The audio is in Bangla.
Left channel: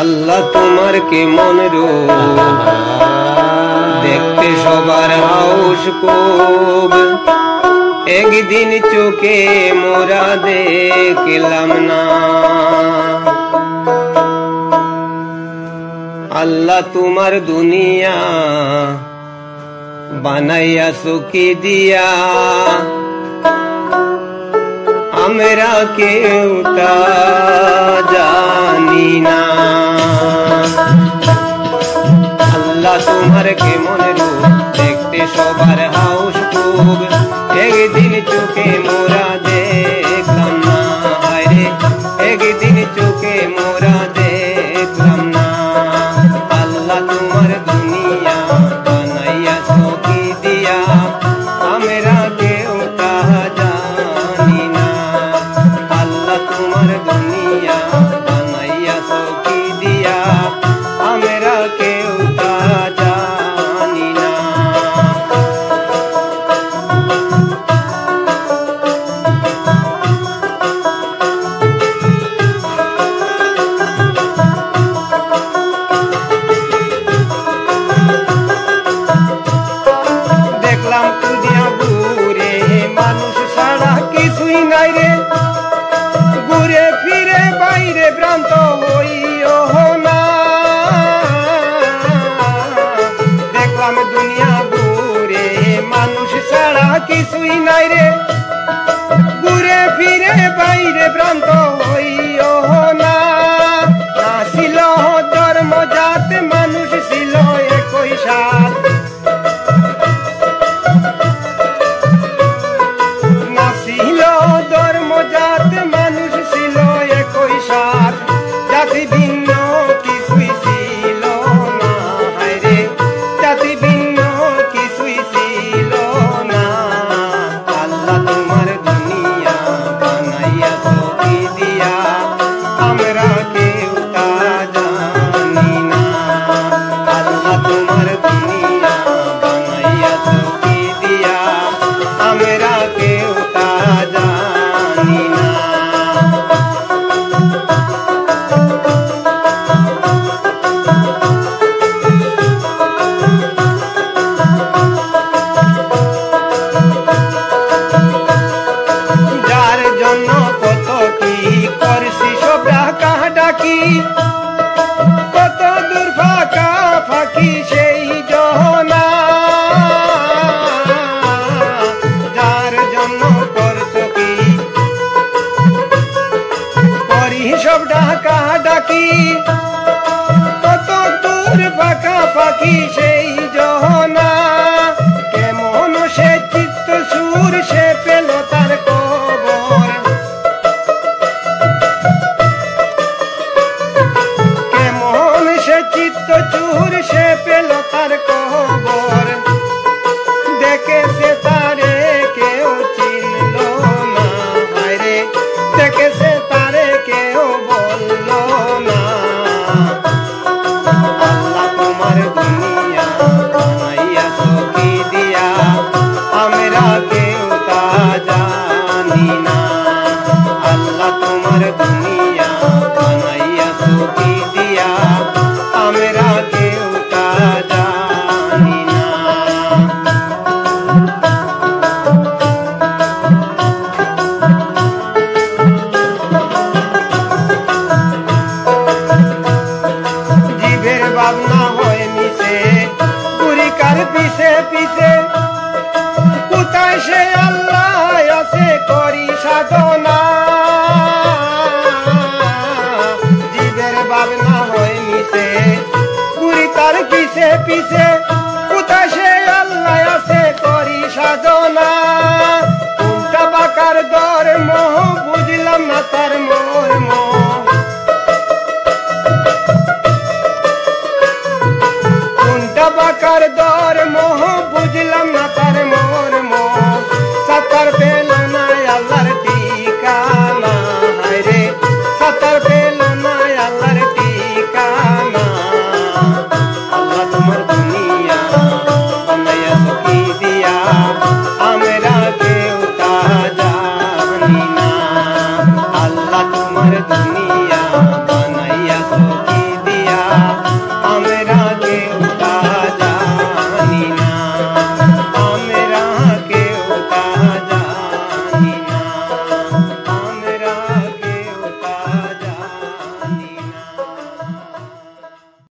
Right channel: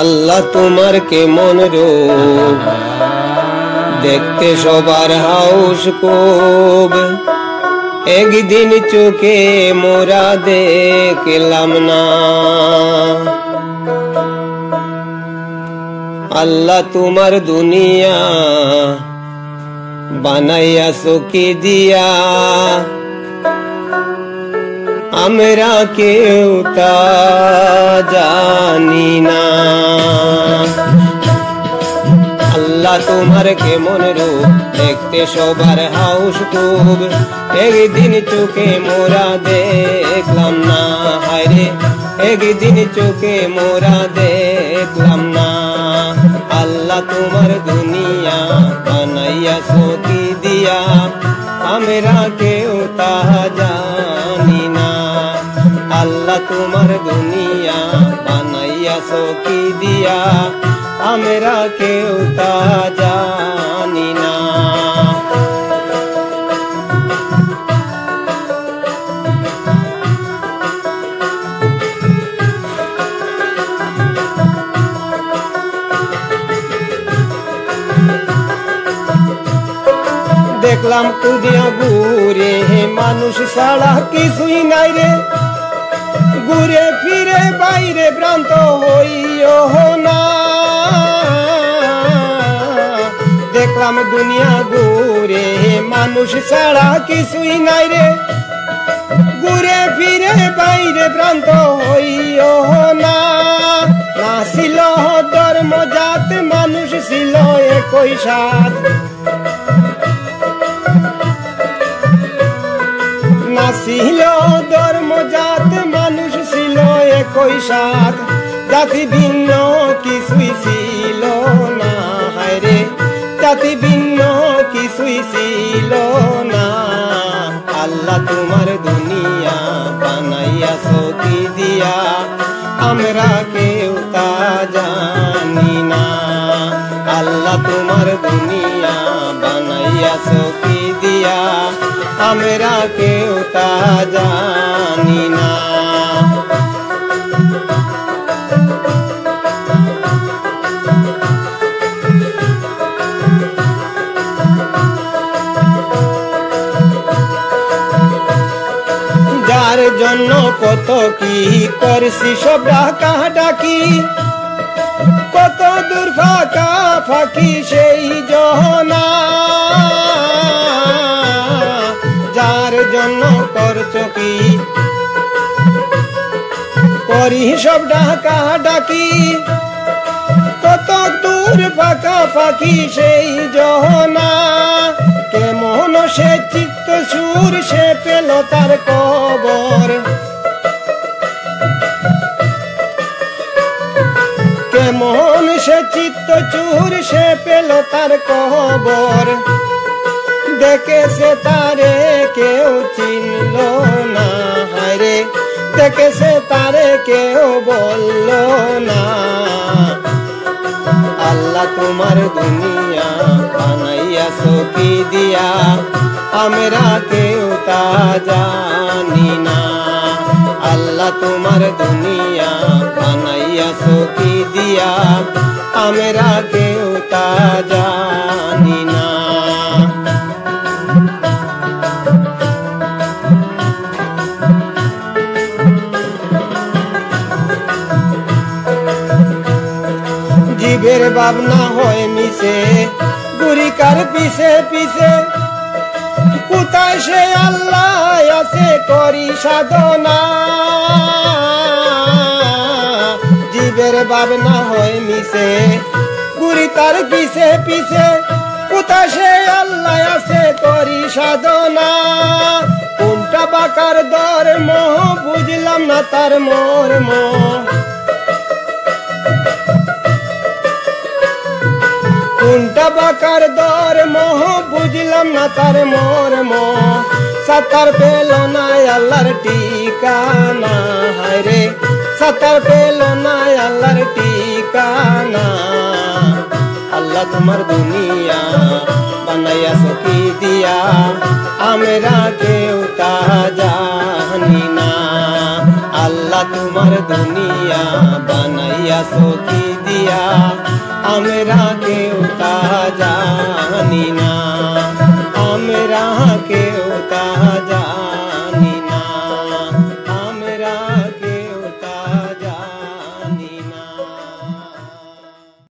আল্লাহ তোমার কেমন রূপ, দেখতে সবার হাউস খুব। একদিন চোখে মোরা দেখলাম না। আল্লাহ তোমার দুনিয়া বানাইয়াছো কি দিয়া, আমরা কেউ তা জানি না। আল্লাহ তোমার কেমন রূপ, দেখতে সবার হাউস খুব। একদিন চোখে মোরা দেখলাম না, হায়রে একদিন চোখে মোরা দেখলাম না। আল্লাহ তোমার দুনিয়া বানাইয়াছো কি দিয়া, আমরা কেউ তা জানি না। আল্লাহ তোমার দুনিয়া বানাইয়াছো কি দিয়া, আমরা কেউ তা জানি না। দেখলাম কুদিয়া ঘুরে মানুষ ছাড়া কিছুই নাই রে, ঘুরে ফিরে বাইরে ভ্রান্ত হইও না। দেখলাম দুনিয়া ঘুরে মানুষ ছাড়া কিছুই নাই রে, ঘুরে ফিরে বাইরে ভ্রান্ত হইও না। না ছিল ধর্ম জাত, মানুষ ছিল একই সাথ। না ছিল ধর্ম জাত, মানুষ ছিল একই সাথ। জাতি ভিন্ন কিছুই ছিল না, হায়রে জাতি ভিন্ন কিছুই ছিল না। আল্লাহ তোমার দুনিয়া বানাইয়াছো কি দিয়া, আমরা কেউ তা জানি না। আল্লাহ তোমার দুনিয়া বানাইয়াছো কি দিয়া, আমরা কেউ তা জানি না। যার জন্য কত কি করছি সব ডাকা ডাকি, কত দূর ফাঁকা ফাঁকি সেই জহনা। যার জন্য করছো কি করি সব ডাকা ডাকি, কত দূর ফাঁকা ফাঁকি সেই জহনা। কেমন সে চিত্ত সুর, সে পেল তার কবর। কেমন সে চিত্ত চুর, সে পেল তার কবর। দেখেছে তারে কেউ চিনল না, হায়রে দেখেছে তারে কেউ বলল না। আল্লাহ তোমার দুনিয়া বানাইয়াছো কি দিয়া, আমরা কেউ তা জানি না। আল্লাহ তোমার দুনিয়া বানাইয়াছো কি দিয়া, আমরা কেউ তা জানি না। জীবের ভাবনা হয় মিশে, গুরিকার পিছে পিছে। কোথায় সে আল্লাহ আছে করি সাধনা। জীবের ভাবনা হয় মিশে, গুরিকার পিছে পিছে। কোথায় সে আল্লাহ আছে করি সাধনা। কোনটা বাকার ধর্ম, বুঝলাম না তার মর্ম। কোনটা বাকার ধর্ম, বুঝলাম না তার মর্ম। সাতার পেল না আল্লাহর ঠিকানা, হায়রে সাতার পেল না আল্লাহর ঠিকানা। আল্লাহ তোমার দুনিয়া বানাইয়াছো কি দিয়া, আমরা কেউ তা জানি না। আল্লাহ তোমার দুনিয়া বানাইয়াছো কি দিয়া। দিয়া আমরা কেউ